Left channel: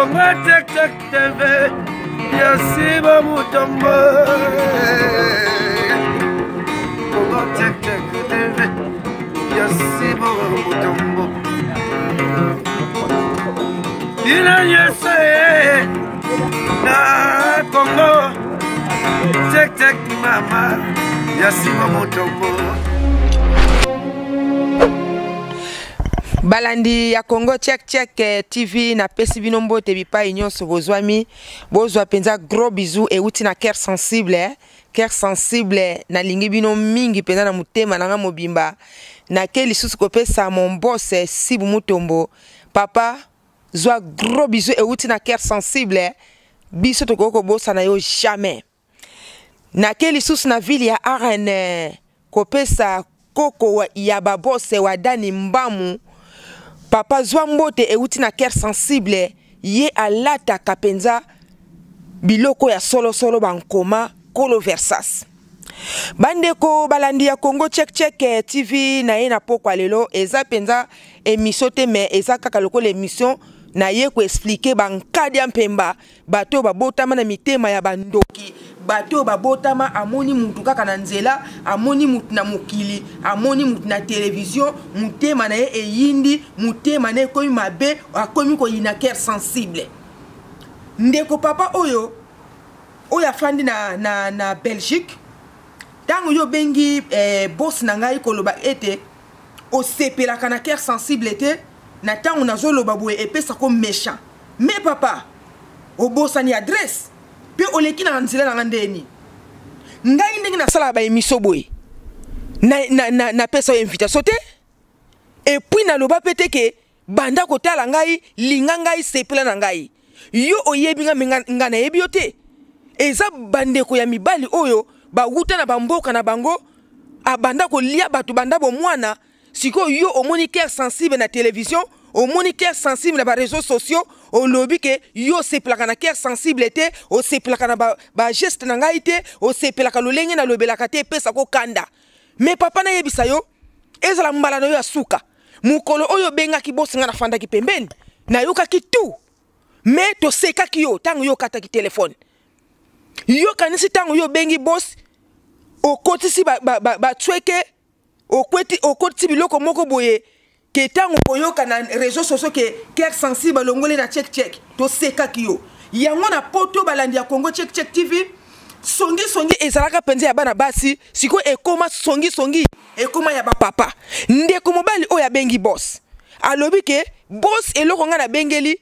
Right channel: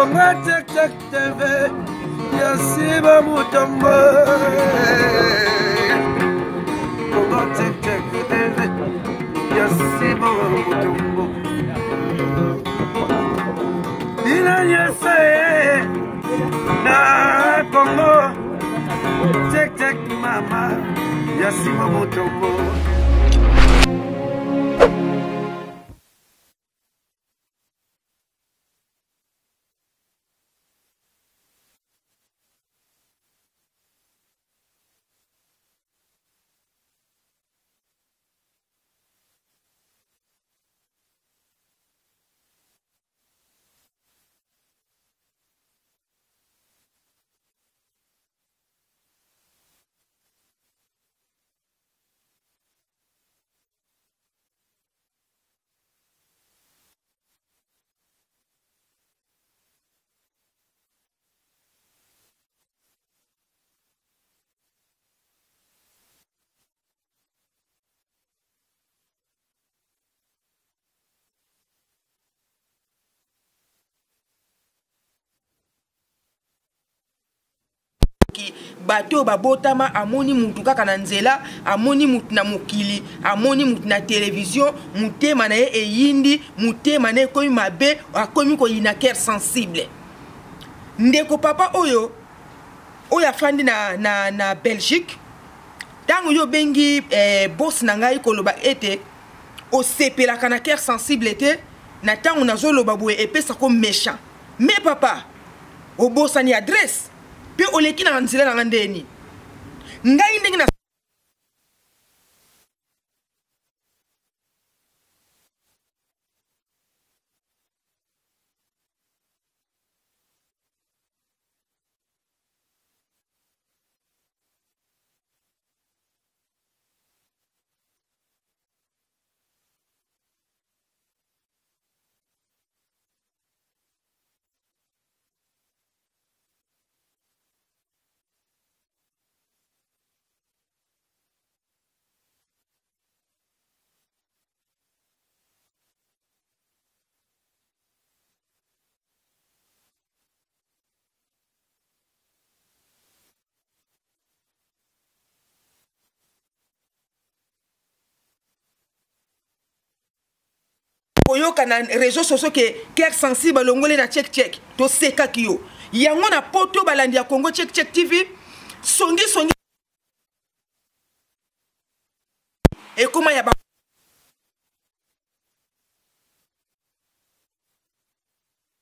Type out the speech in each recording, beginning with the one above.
Kongo Check Check TV, Yasiba Mutombo. Kongo Check Check TV, Yasiba Mutombo. Ina yese na Kongo Check Check mama, Yasiba Mutombo. Balandi ya Congo Check Check TV na pesi binombo te bipa nyonso bozwami bozwa penza gros bisous et uti na cœur sensible na lingi bino mingi penza na mutema na mobimba na ke lisusu kopesa mon boss Sibu Mutombo papa zwa gros bisous et uti na cœur sensible biso to koko bossa na yo jamais na ke lisusu na ville ya Arène kopesa koko ya babose wa Dani Mbamu papa Zwambote euti na cœur sensible ye alata kapenza biloko ya solo bankoma kolo versas bandeko balandi ya Congo Check Check TV na ye na pokwa lelo eza penza émission te mais eza kaka loko l'émission na ye ko expliquer bankadi ya mpemba bato babotama na mitema ya bandoki bato babotama amoni mutu kaka na nzela amoni mutu na mokili amoni mutu na télévision mutema na ye eyindi mutema na komi mabe akomi ko yina cœur sensible ndeko papa oyo afandi na Belgique tango yo bengi boss na ngai koloba ete o sepelaka na cœur sensible te na tango nazoloba boye epesa ko méchant mais papa obosani adresse pe oleki na nzela na ngandeni ngai ndenge na sala ba émission boye na pesa invitation te et puis na loba pete ke banda kotala ngai linga ngai sepela na ngai yo oyebi nga na yebi te eza bandeko ya mibali oyo ba wuta na bamboka na bango abanda ko lia batu banda bo mwana siko yo omoni cœur sensible na télévision omoni cœur sensible na ba réseaux sociaux o lobi ke yo sepelaka na cœur sensible te o sepelaka na ba geste na ngai te o sepelaka lolenge na lobelaka te pesa ko kanda mais papa na yebisa yo ezala mbala na yo asuka mukolo oyo bengaki bosinga na fandaki pembeni na yokaki tu mais to sekaki yo tango yo kataki téléphone yo kanisi tango yo bengi boss okotisi ba tweke okoti biloko moko boye ke tango koyoka na réseaux sociaux ke cœur sensible longole na Check Check to sekaki yo yango na poto balandi ya Congo Check Check TV songi ezalaka penze ya bana basi siko ekoma songi ekoma ya ba papa ndeko mobali oyo abengi boss alobi ke boss eloko nga na bengeli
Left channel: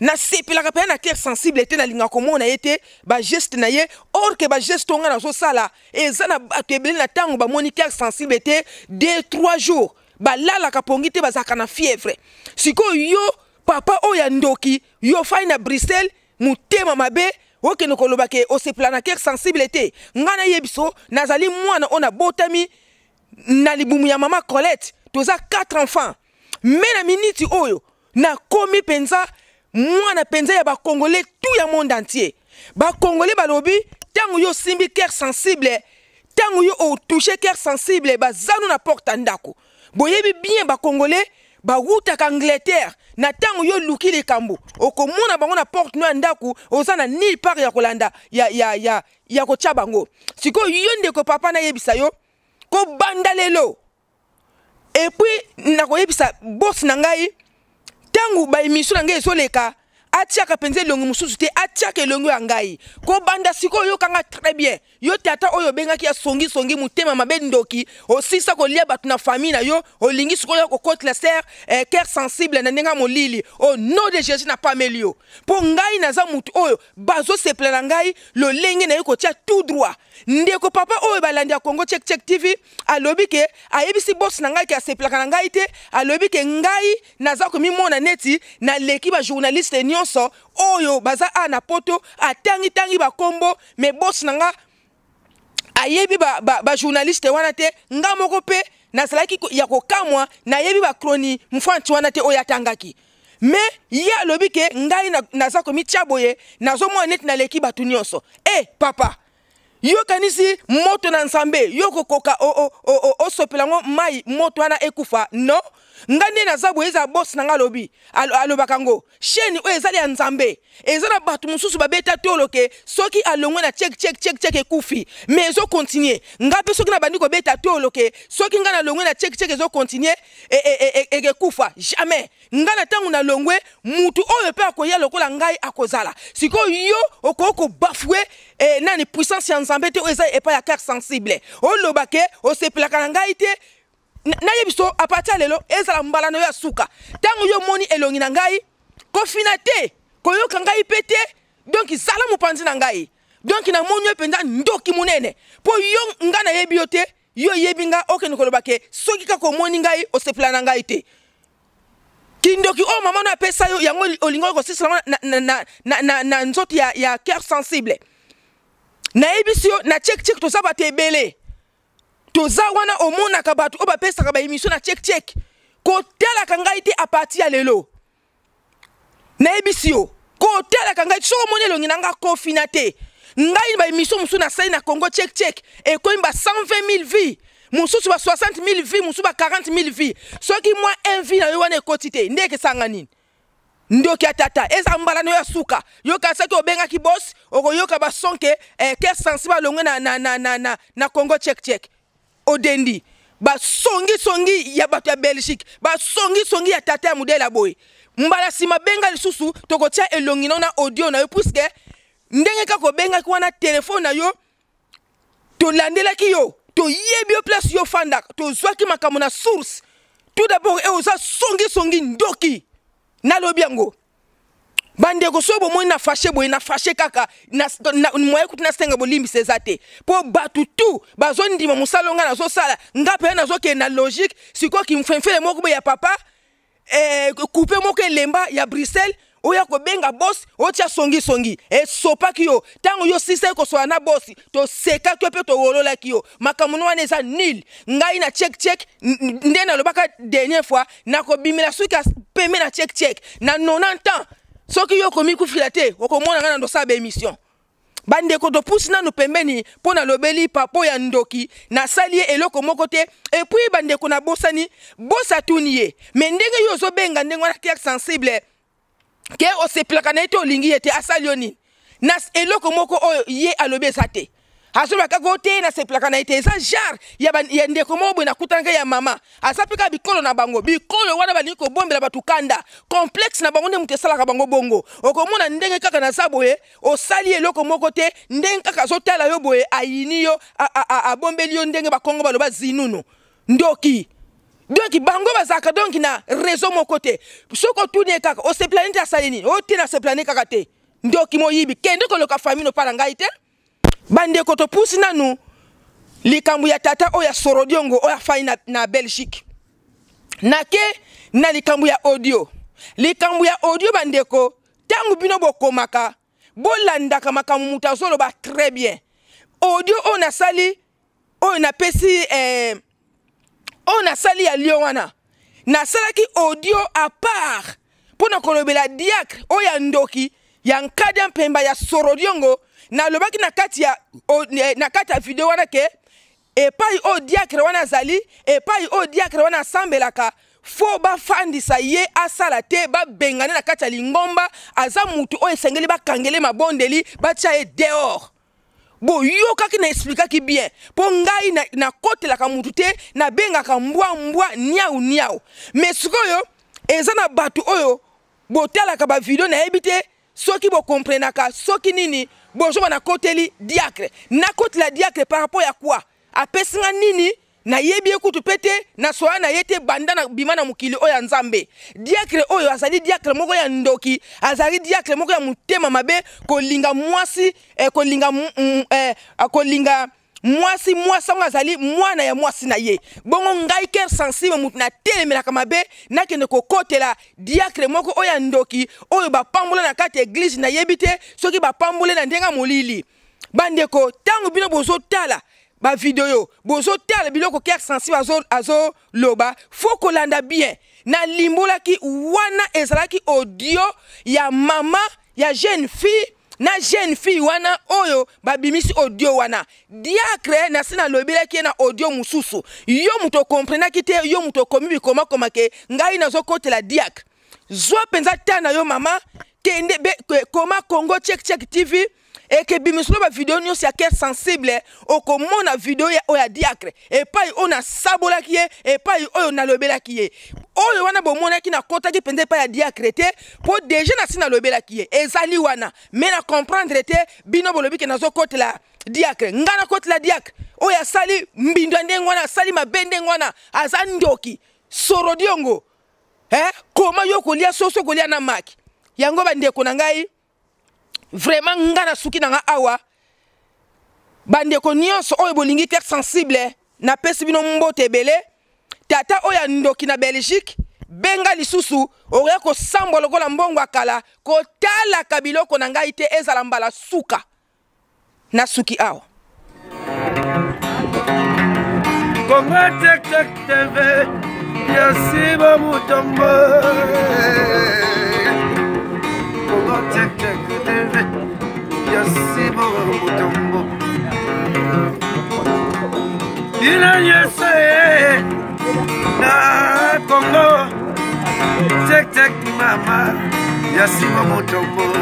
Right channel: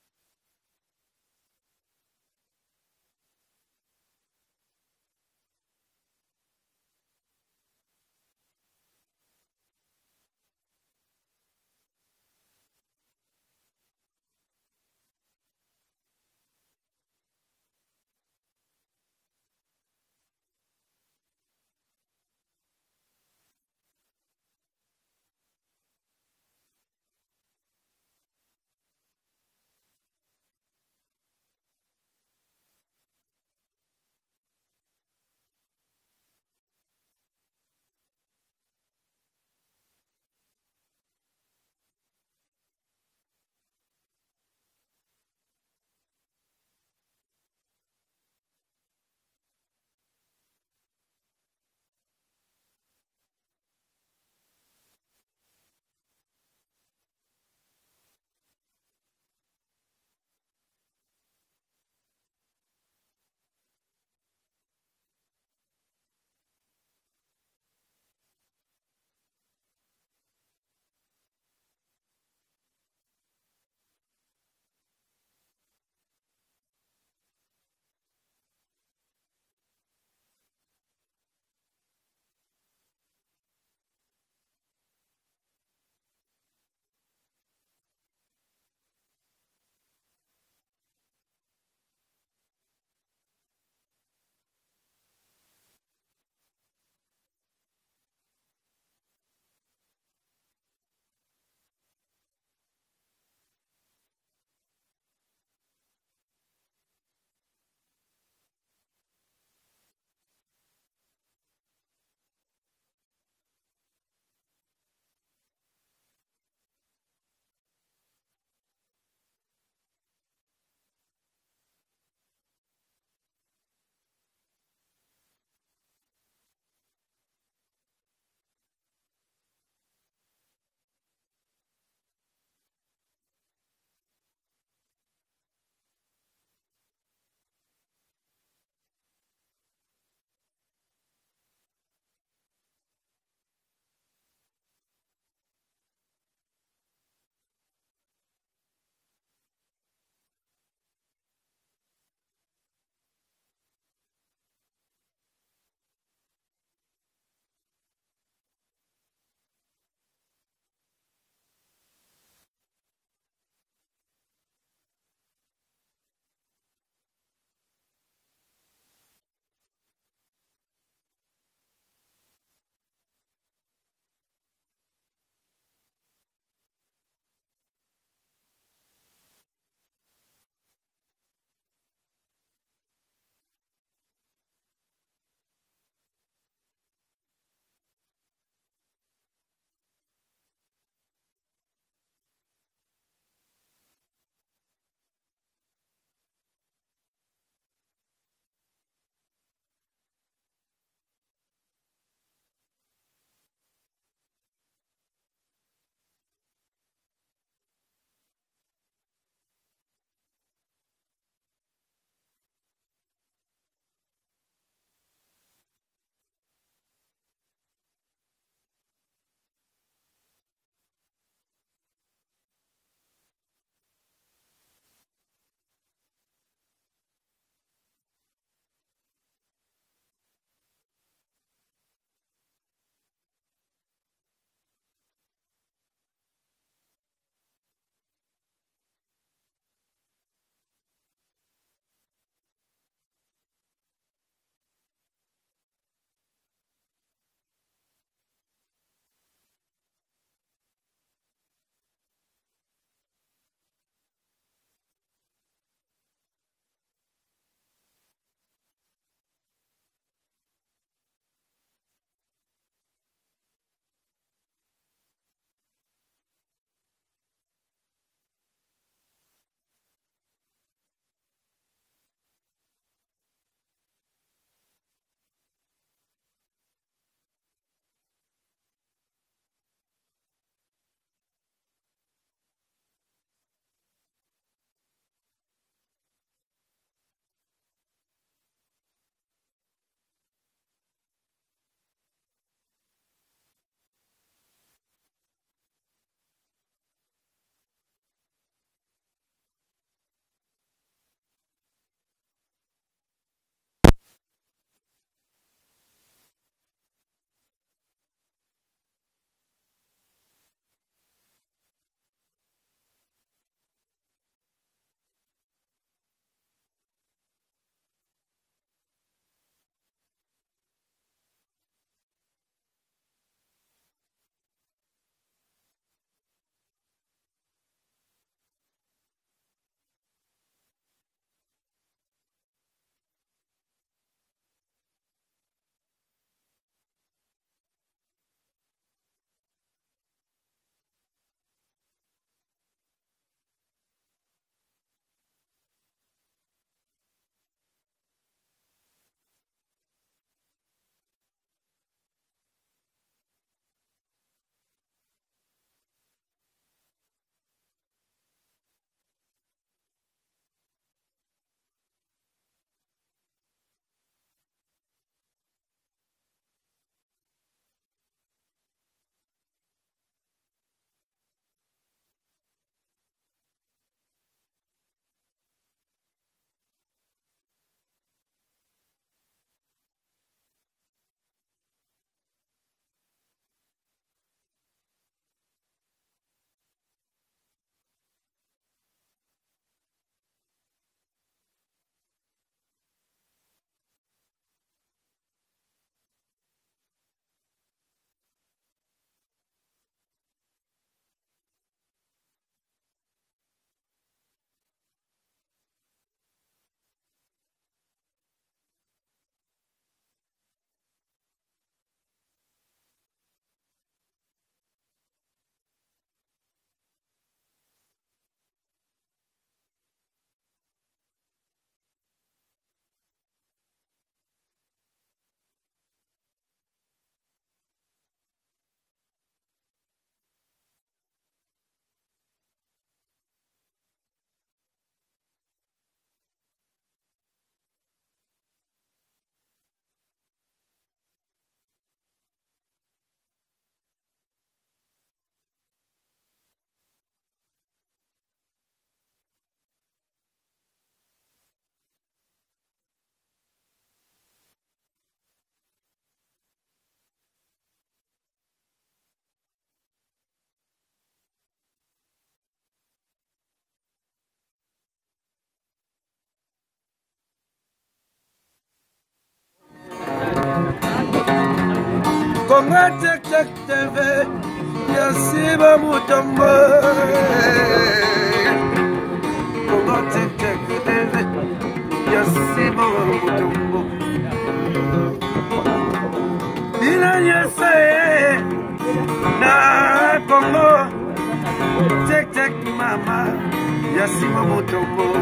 na sepelaka pe na cœur sensible te na linga komona yete ba geste na ye or que ba geste nga na so sala eza na atebeli na tango ba moni cœur sensible te 2-3 jours ba lala kapongi te bazaka na fièvre siko yo papa oya ndoki yo fai na Bruxelles mutema mabe oke no koloba ke o sepela na cœur sensible te ngana yebiso nazali mwana ona botami na libumu ya mama Colette toza 4 enfants mais na minute oyo na komi penza mwana penza ya ba congolais tout ya monde entier ba congolais balobi tango yo simbi cœur sensible tango yo o toucher cœur sensible ba zanu na porte ndako boyebi bien ba congolais ba wuta ka Angleterre na tango yo luki le kambo okomona bango na porte no ndako ozana ni part ya kolanda ya ko chabango siko yo ndeko papa na yebisa yo ko banda lelo et puis na ko yebisa boss na ngai tangu ba émission na ngai soleka atiaka penze longo mususu te atiaka longo ya ngai ko banda siko yo kanga très bien yo tata oyo bengaki ya songi mutema mabe ndoki osisa ko lia batu na famille na yo olingi siko yo ko côte la serre cœur sensible na ndenga molili au nom de Jésus na pas melio po ngai na za mutu oyo bazo seple na ngai lo lenge na yo ko tia tout droit ndeko papa oyo balandi ya Congo Check Check TV alobi ke ayebisi boss na ngai ke seple na ngai te alobi ke ngai naza ko mi mona neti na leki ba journaliste nyonso oyo baza ana poto atangi ba kombo mais boss na nga ayebi ba journaliste wana te nga moko pe na salaki ya kokamwa na yebi ba kroni mfanti wana te oya tangaki mais ya lobi ke ngai naza ko mi chaboye nazo mo net na leki batu nyonso papa yo kanisi moto na nsambe yo kokoka o sopelango mai moto wana ekufa no ngande na zabu eza boss na ngalobi alobakango chaîne o ezali ya nzambe ezana batu mususu babeta toloke soki alongwe na check ekufi mais ezo continuer ngape soki na bandi ko beta toloke soki ngana longwe na check ezo continuer ekufa jamais ngana tangu na longwe mutu oyo pe akoya lokola ngai akozala siko yo okoko bafouer nani puissance ya nzambe te eza epa ya cœur sensible o lobake o sepelaka na ngai te na yebiso apata lelo ezala mbalano ya suka tangu yo moni elongi na ngai kofina te koyoka ngai pete donc zala mopanzi na ngai donc na moni yo penza ndoki munene po yo ngana yebi yo te yo yebi nga okende kolobake soki kako moni ngai o sepela na ngai te kindoki o mama na pesa yo yango olingo ko sisala na nzoti ya cœur sensible na yebiso na check to sabate ebele toza wana omona ka batu oba pesa ka ba émission na check ko tela ka ngai te a partir ya lelo na ebisio ko tela ka ngai so monelo nginanga kofina te ngai ba émission musu na sai na Congo check e ko imba 120 000 vies mususu ba 60 000 vies mususu ba 40 000 vies soki moi un vie na yo wana ekotite ndeke sanga nini ndoki atata eza mbalano ya suka yo ka saki obenga ki boss okoyoka ba sonke cœur sensible longwe na Congo check odendi ba songi ya bato ya Belgique ba songi ya tata ya mudela boy mbala sima benga lisusu tokotia elongi na audio na yo puisque ndenge kako benga ki wana telefone na yo to landela ki yo to yebi yo place yo fanda to zwaki makambo na source tout d'abord oza songi ndoki na lobiango bande ko sobo mo na fâché kaka na moye kutina senga bolimbi sezate po batu tu bazondima musalonga na zo sala ngape na zo ke na logique siko ki mfemfele moko ya papa couper moko lemba ya Bruxelles oya ko benga boss otia songi sopa kiyo tango yo sisa ko so na boss to seka to pe to wolola kiyo makamuno wana eza nil ngai na check ndena lobaka dernière fois na ko bimela suka peme na check na 90 ans soki yo komi kufila te okomona ngana ndo sabe émission bande ko to pusina no pembeni pona lobeli papo ya ndoki na salie eloko moko te et puis bande ko na bosani bosa tuniye mais ndenge yo zo benga ndenge wana cœur sensible ke o se plakana ete olingi ete asalioni na eloko moko oyo ye alobe sate asoba kako te na se plakana ete eza jar ya ndeko mobo na kutanga ya mama asapika bikolo na bango bikolo wana bali ko bombela batukanda complexe na bango ne mutesala ka bango bongo okomona ndenge kaka na saboye osali eloko moko te ndenge kaka zotala yo boye ayini yo a bombeli yo ndenge bakongo baloba zinunu ndoki donc bango bazaka donc na raison moko te soko tune kaka o se planete asalini o te na se planete kaka te ndoki moyibi kende ko loka famille no para ngai te bande ko to pusi nanu likambu ya tata oya sorodiongo oya fai na Belgique nake na likambu ya audio bande ko tangu bino bokomaka bolandaka makamu mutazolo ba très bien audio on sali on a pesi on a sali ya Lyon wana na salaki audio à part pona kolobela diacre oya ndoki ya nkada mpemba ya sorodiongo na lobaki na kati ya video wana ke epai o diacre wana zali epai o diacre wana sambelaka fo ba fandisa ye asala te ba bengane na kati ya lingomba aza mutu o esengeli ba kangele mabondeli ba tia e dehors bo yo kaki na expliquer bien po ngai na kotelaka mutu te na bengaka mbwa niau mais sikoyo eza na batu oyo botalaka ba video na ebite soki bo comprenaka soki nini bonjour na koteli diacre na kotela diacre par rapport ya quoi apesinga nini na yebi ekutu pete na soya na yete banda na bimana mukili oya nzambe diacre oyo azali diacre moko ya ndoki azali diacre moko ya mutema mabe kolinga mwasi kolinga mwasi azali mwana ya mwasi na ye bongo ngai cœur sensible mutu na telemelaka mabe nakende kokotela diacre moko oya ndoki oyo bapambola na kati église na yebite soki bapambole na ndenga molili bandeko tango bino bozotala ba video bozotala biloko cœur sensible azo loba faut kolanda bien na limbolaki wana ezalaki audio ya mama ya jeune fille na jeune fille wana oyo babimisi audio wana diacre na sina lobela ki na audio mususu yo muto comprendre ki te yo muto komi bikoma koma ke ngai nazo kotela diacre zo penza tana yo mama kende koma Congo check TV et que bimislo ba vidéo nyonso ya cœur sensible okomona vidéo ya oya diacre et pas on a sabola ki et pas oyo na lobela ki oyo wana bomona ki na kota ki pende pa ya diacre te po déjà na sina lobela ki ezali wana mais na comprendre te bino bolobi ke nazo kotela diacre ngana kotela diacre oya sali mbindo ndengwana sali mabende ngwana azandoki sorodiongo koma yo kolia soso kolia na maki yango bandeko na ngai vraiment ngana suki na nga awa bandeko nyonso oyo bolingi cœur sensible na pesi bino mbote ebele tata oya ndoki na Belgique benga lisusu oya ko sambo lokola mbongo akala ko tala kabiloko na ngai te ezala mbala suka na suki awa Congo Check TV Yasiba Mutombo Congo Check TV Yasiba Mutombo Ina yese na Congo Check Mama Yasiba Mutombo